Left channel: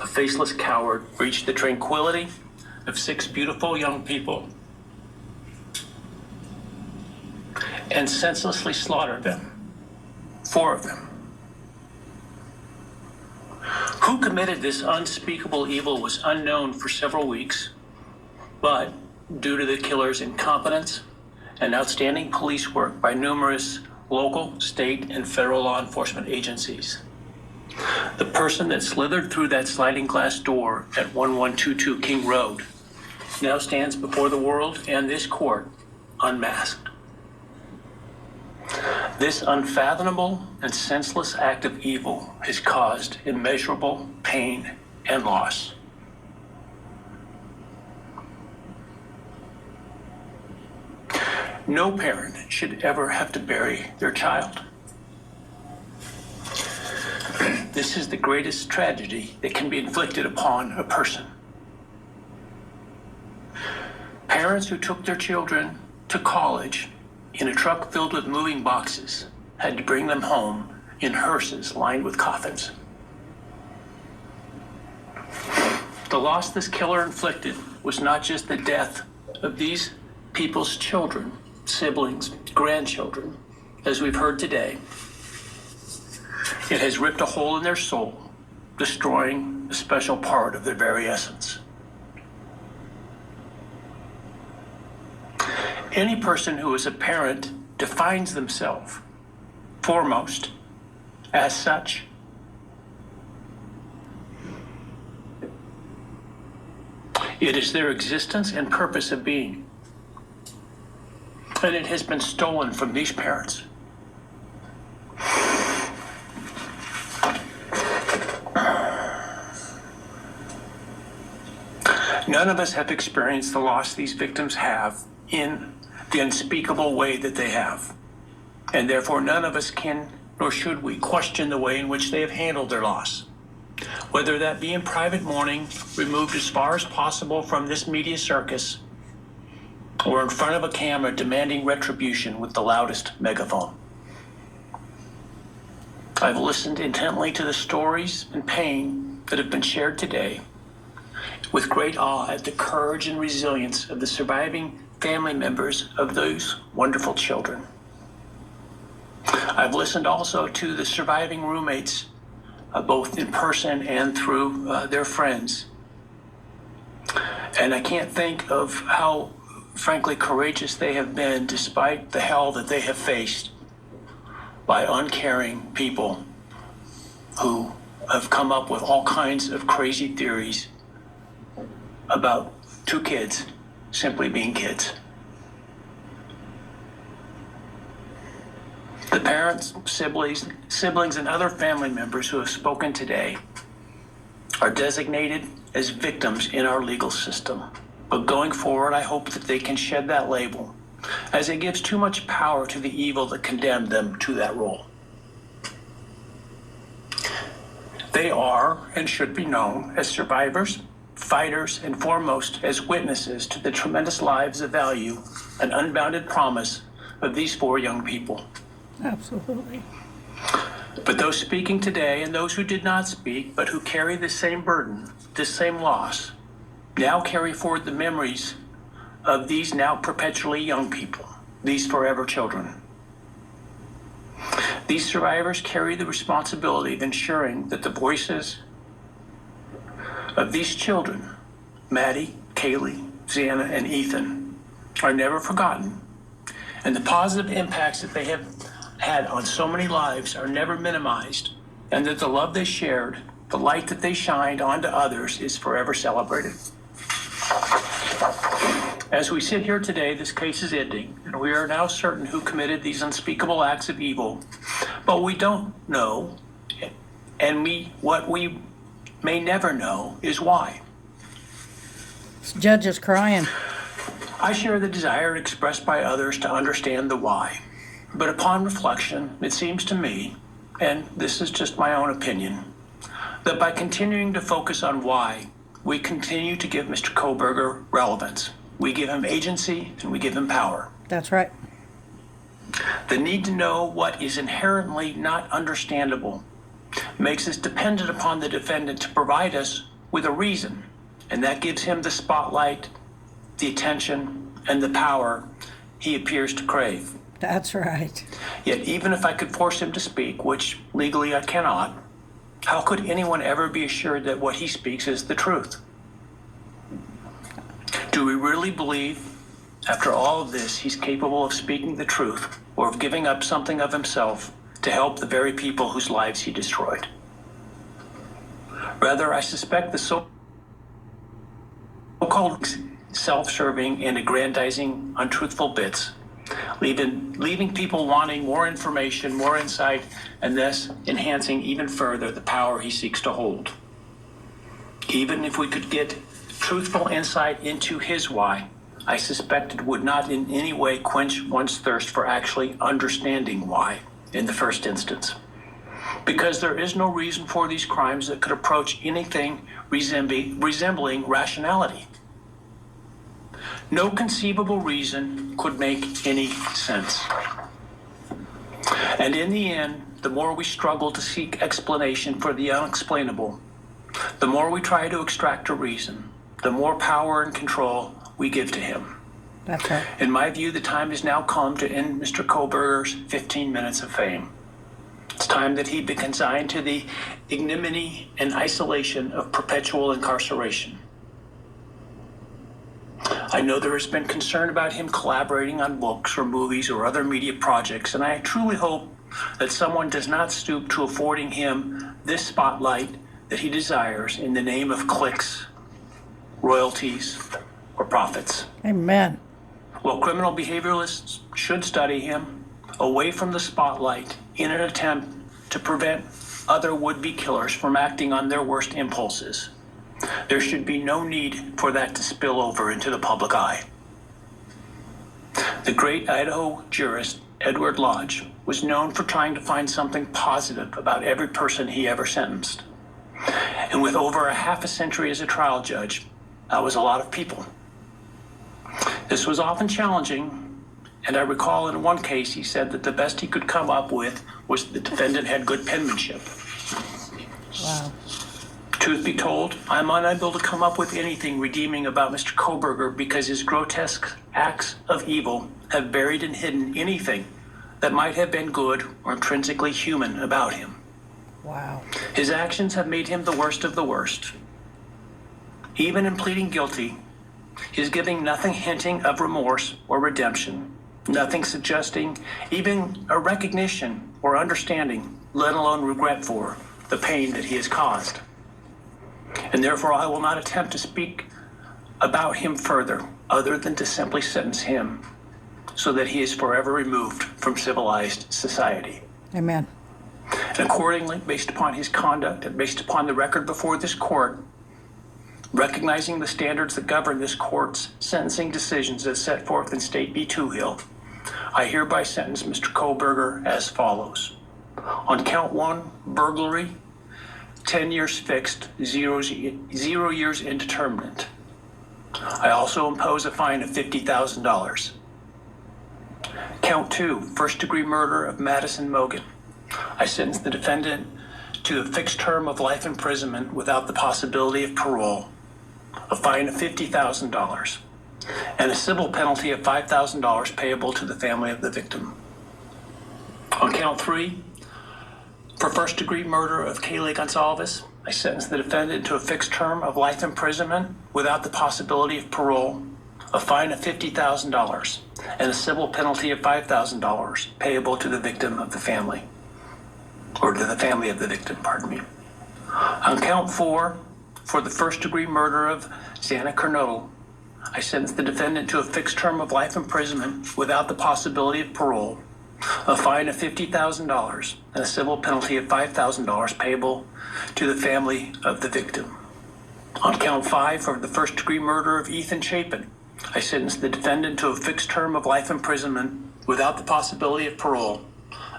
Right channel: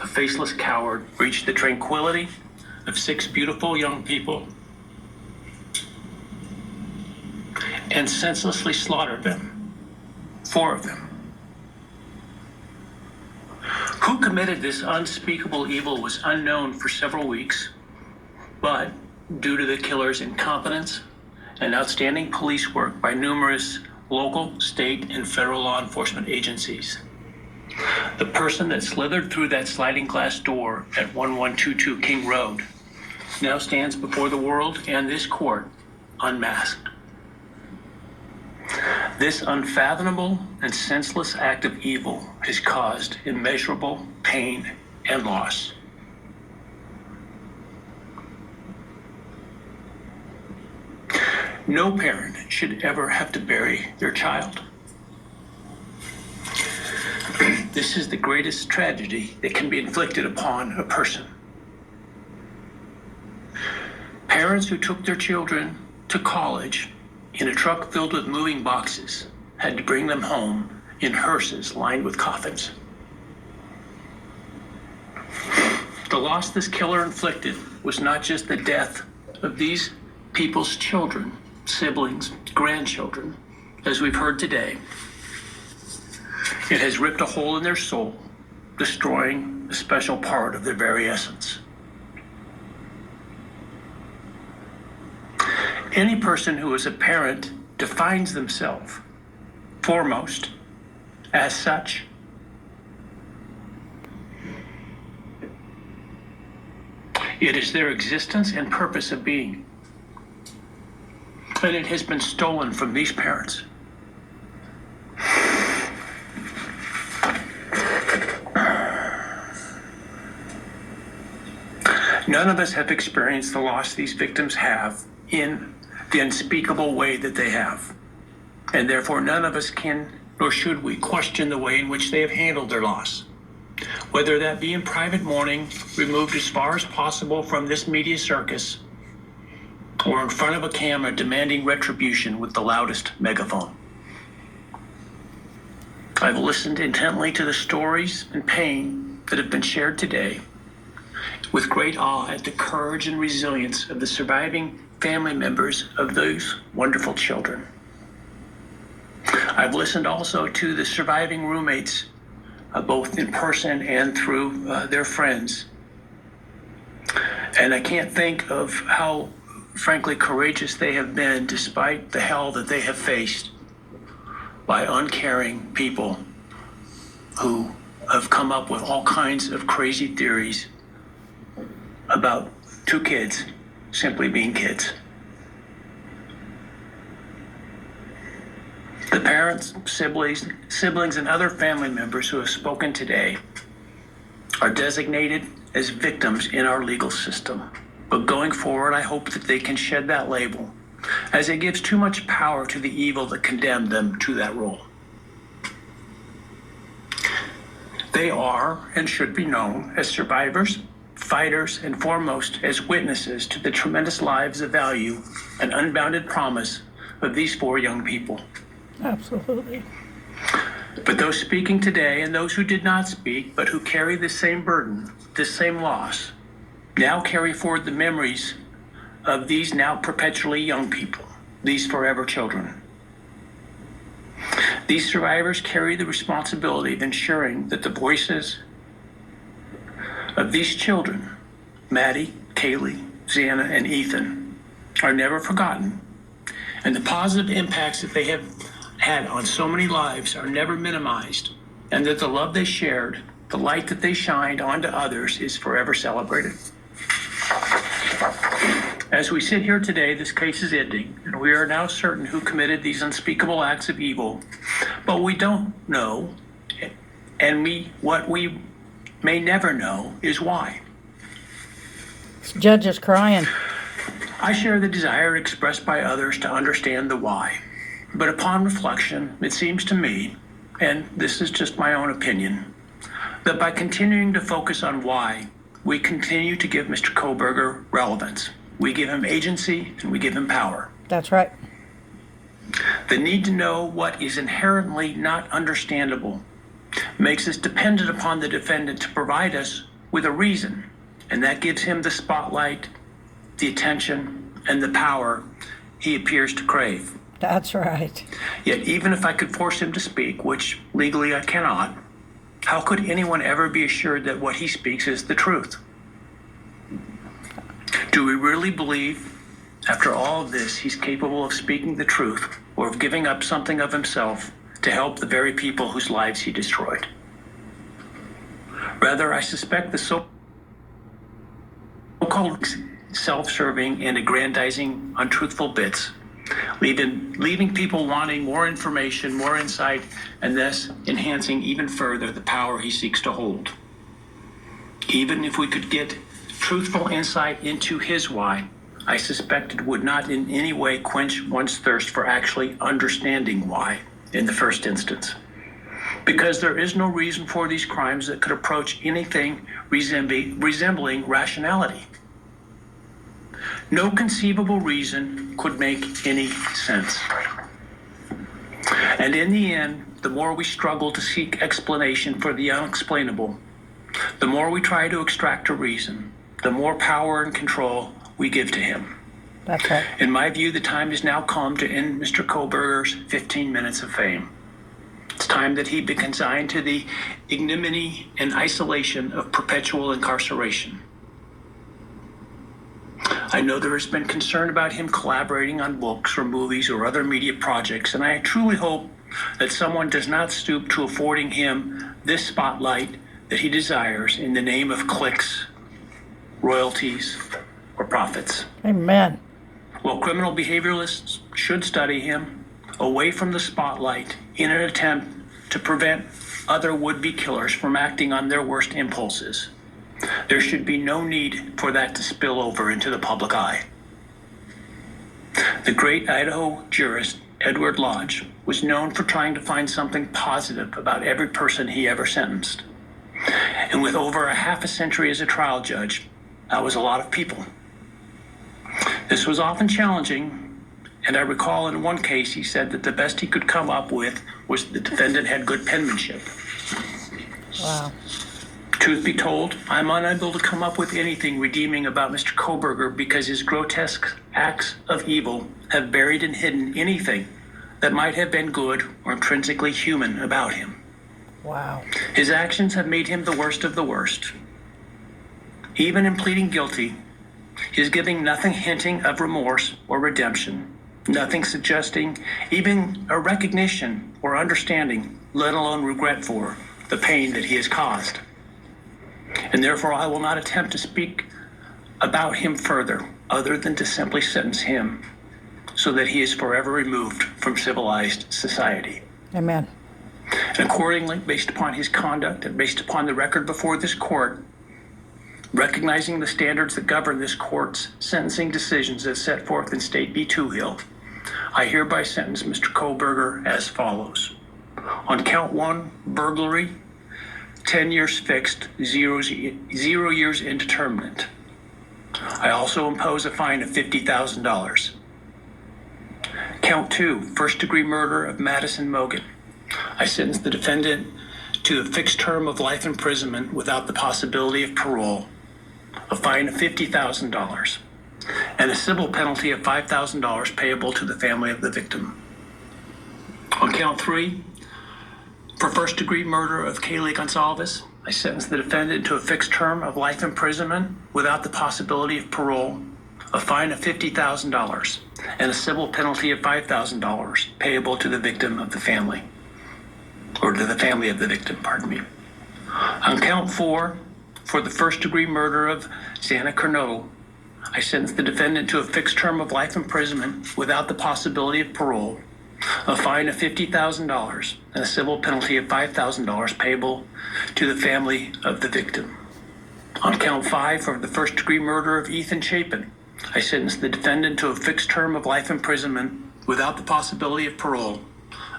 a faceless coward, breached the tranquility of 6 beautiful young people and senselessly slaughtered them, 4 of them. Who committed this unspeakable evil was unknown for several weeks, but due to the killer's incompetence and outstanding police work by numerous local, state, and federal law enforcement agencies, the person that slithered through that sliding glass door at 1122 King Road now stands before the world and this court unmasked. This unfathomable and senseless act of evil has caused immeasurable pain and loss. No parent should ever have to bury their child. This is the greatest tragedy that can be inflicted upon a person. Parents who took their children to college in a truck filled with moving boxes had to bring them home in hearses lined with coffins. The loss this killer inflicted was not just the death of these people's children, siblings, grandchildren, as we've heard today. It has ripped a hole in their soul, destroying a special part of their very essence. Any person who is a parent defines themselves foremost as such. It is their existence and purpose of being. And it has been stolen from these parents. None of us have experienced the loss these victims have in the unspeakable way that they have. And therefore none of us can, nor should we, question the way in which they have handled their loss. Whether that be in private mourning, removed as far as possible from this media circus, or in front of a camera demanding retribution with the loudest megaphone. I've listened intently to the stories and pain that have been shared today, with great awe at the courage and resilience of the surviving family members of those wonderful children. I've listened also to the surviving roommates, both in person and through their friends. And I can't think of how, frankly, courageous they have been despite the hell that they have faced by uncaring people who have come up with all kinds of crazy theories about 2 kids simply being kids. The parents, siblings, and other family members who have spoken today are designated as victims in our legal system. But going forward, I hope that they can shed that label, as it gives too much power to the evil that condemned them to that role. They are and should be known as survivors, fighters, and foremost as witnesses to the tremendous lives of value and unbounded promise of these 4 young people. Absolutely. But those speaking today and those who did not speak, but who carry the same burden, this same loss, now carry forward the memories of these now perpetually young people, these forever children. These survivors carry the responsibility of ensuring that the voices of these children, Maddie, Kaylee, Xana, and Ethan, are never forgotten, and the positive impacts that they have had on so many lives are never minimized, and that the love they shared, the light that they shined onto others, is forever celebrated. As we sit here today, this case is ending, and we are now certain who committed these unspeakable acts of evil, but we don't know, and what we may never know is why. This judge is crying. I share the desire expressed by others to understand the why. But upon reflection, it seems to me, and this is just my own opinion, that by continuing to focus on why, we continue to give Mr. Kohberger relevance. We give him agency and we give him power. That's right. The need to know what is inherently not understandable makes us dependent upon the defendant to provide us with a reason, and that gives him the spotlight, the attention, and the power he appears to crave. That's right. Yet even if I could force him to speak, which legally I cannot, how could anyone ever be assured that what he speaks is the truth? Do we really believe, after all of this, he's capable of speaking the truth or of giving up something of himself to help the very people whose lives he destroyed? Rather, I suspect the so-called self-serving and aggrandizing untruthful bits, leaving people wanting more information, more insight, and thus enhancing even further the power he seeks to hold. Even if we could get truthful insight into his why, I suspect it would not in any way quench one's thirst for actually understanding why in the first instance. Because there is no reason for these crimes that could approach anything resembling rationality. No conceivable reason could make any sense. And in the end, the more we struggle to seek explanation for the unexplainable, the more we try to extract a reason, the more power and control we give to him. That's right. In my view, the time has now come to end Mr. Kohberger's 15 minutes of fame. It's time that he be consigned to the ignominy and isolation of perpetual incarceration. I know there has been concern about him collaborating on books or movies or other media projects, and I truly hope that someone does not stoop to affording him this spotlight that he desires in the name of clicks, royalties, or profits. Amen. Well, criminal behavioralists should study him away from the spotlight in an attempt to prevent other would-be killers from acting on their worst impulses. There should be no need for that to spill over into the public eye. The great Idaho jurist Edward Lodge was known for trying to find something positive about every person he ever sentenced. And with over a half a century as a trial judge, that was a lot of people. This was often challenging, and I recall in one case he said that the best he could come up with was the defendant had good penmanship. Wow. Truth be told, I'm unable to come up with anything redeeming about Mr. Kohberger because his grotesque acts of evil have buried and hidden anything that might have been good or intrinsically human about him. Wow. His actions have made him the worst of the worst. Even in pleading guilty, he is giving nothing hinting of remorse or redemption, nothing suggesting even a recognition or understanding, let alone regret for the pain that he has caused. And therefore, I will not attempt to speak about him further, other than to simply sentence him so that he is forever removed from civilized society. Amen. And accordingly, based upon his conduct and based upon the record before this court, recognizing the standards that govern this court's sentencing decisions as set forth in State v. Toohill, I hereby sentence Mr. Kohberger as follows. On count 1, burglary, 10 years fixed, 0 years indeterminate. I also impose a fine of $50,000. Count 2, first-degree murder of Madison Mogan. I sentence the defendant to a fixed term of life imprisonment without the possibility of parole, a fine of $50,000, and a civil penalty of $5,000 payable to the family of the victim. On count 3, for first-degree murder of Kaylee Gonsalves, I sentence the defendant to a fixed term of life imprisonment without the possibility of parole, a fine of $50,000, and a civil penalty of $5,000 payable to the victim of the family, or to the family of the victim, pardon me. On count 4, for the first-degree murder of Xana Kernodle, I sentence the defendant to a fixed term of life imprisonment without the possibility of parole, a fine of $50,000, and a civil penalty of $5,000 payable to the family of the victim. On count 5, for the first-degree murder of Ethan Chapin, I sentence the defendant to a fixed term of life imprisonment without the possibility of parole,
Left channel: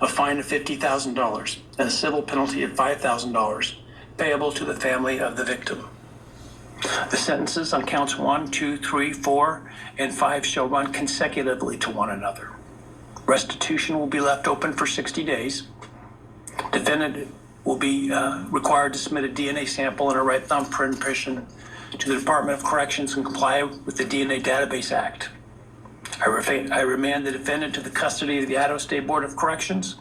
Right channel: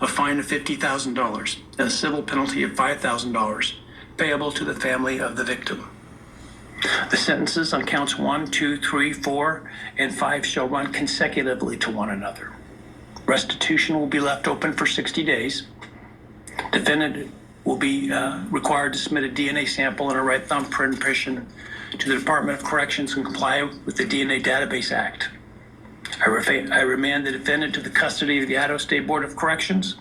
a fine of $50,000, and a civil penalty of $5,000 payable to the family of the victim. The sentences on counts 1, 2, 3, 4, and 5 shall run consecutively to one another. Restitution will be left open for 60 days. Defendant will be required to submit a DNA sample and a right thumbprint impression to the Department of Corrections and comply with the DNA Database Act. I remand the defendant to the custody of the Idaho State Board of Corrections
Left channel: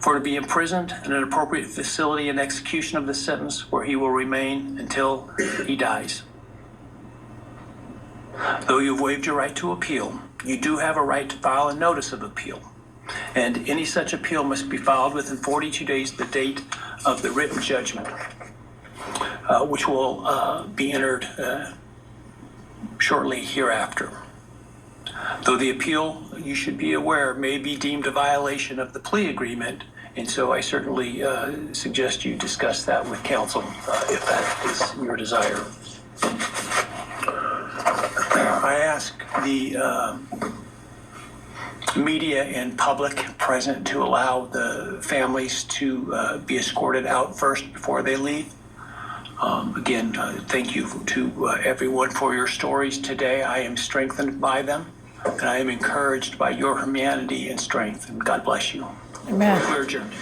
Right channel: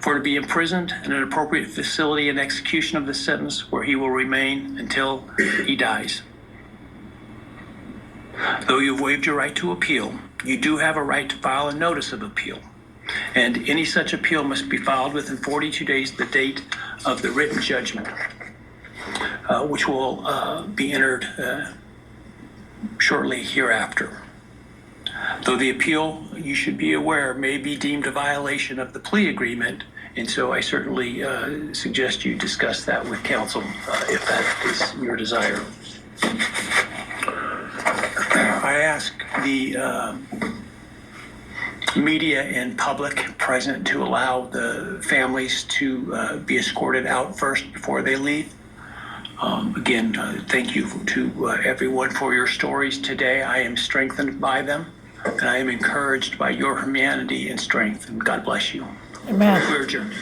for to be imprisoned in an appropriate facility in execution of the sentence where he will remain until he dies. Though you've waived your right to appeal, you do have a right to file a notice of appeal. And any such appeal must be filed within 42 days of the date of the written judgment, which will be entered shortly hereafter. Though the appeal, you should be aware, may be deemed a violation of the plea agreement, and so I certainly suggest you discuss that with counsel if that is your desire. I ask the media and public present to allow the families to be escorted out first before they leave. Again, thank you to everyone for your stories today. I am strengthened by them, and I am encouraged by your humanity and strength, and God bless you. Amen. We're adjourned.